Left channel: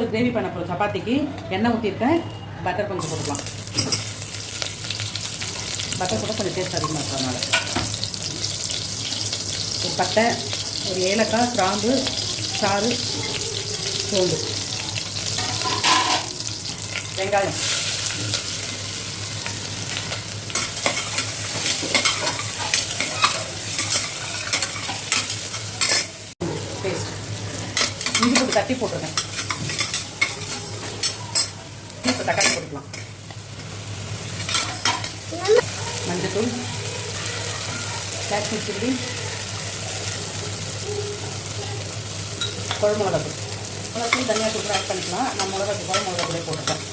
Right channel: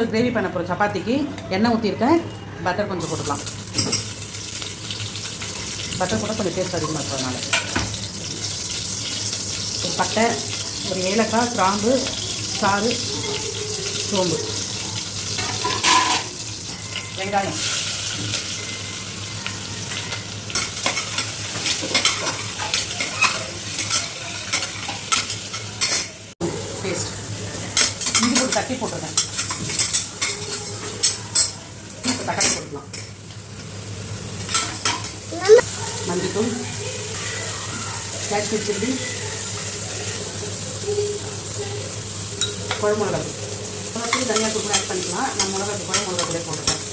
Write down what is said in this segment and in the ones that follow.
Gravy பண்ண போகிறோம். சப்பாத்திக்கு எண்ணெய் ஊற்றிருக்கேன். பட்டர் கொஞ்சம் போட்டுக்கலாம். பட்டர் போட்டால் கொஞ்சம் டேஸ்ட் அதிகமாக இருக்கும். அதனால் ஒரு பட்டை, ஒரு ஏலக்காய், கிராம்பு, சாறு, சோம்பு, வெங்காயம், பேஸ்ட், இஞ்சி போட்டு தட்டி போட்டுருக்கேன். இப்போ தக்காளி போட்டுக்கலாம். மஞ்சத்தூள், காஷ்மீர் சில்லி, குழம்பு மிளகாத்தூள். மிளகாத்தூள் தனியாக தூள் ஆட் பண்ணிக்கலாம். நான் மிளகாத்தூள் குழம்பு மிளகாத்தூளே போட்டுப்பேன்.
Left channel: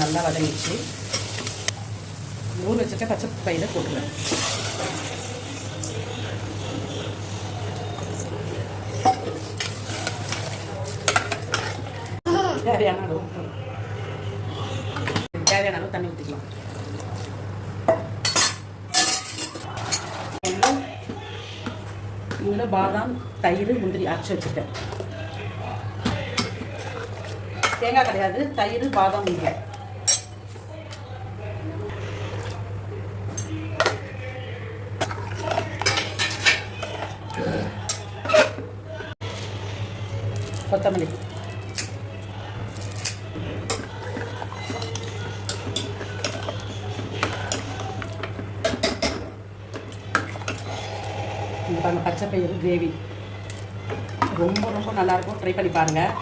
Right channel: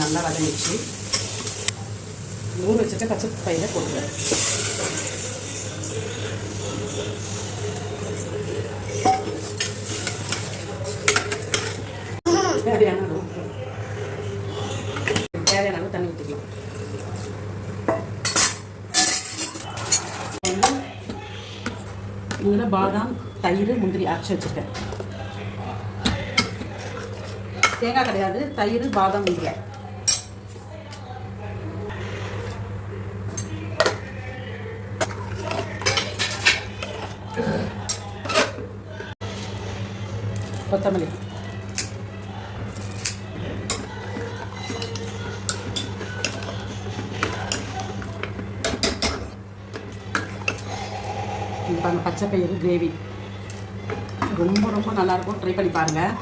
நல்லா வதங்கிச்சு. ஊற வச்சுட்டு பச்சை பயிரை போட்டுருவேன். தேவையான அளவு தேவையான அளவு தண்ணி ஊற்றிக்கலாம். இதில் பாதாம், தயிர், முந்திரி அரைச்சி வச்சுருக்கேன். தேங்காய் கிடையாது, தயிர், பாதாம், முந்திரி. கொத்தமல்லி, பாருங்கள், பச்சை பயிறு கிரேவி ரொம்ப ரொம்ப நல்லாயிருக்கும். ட்ரை பண்ணி பாருங்கள்.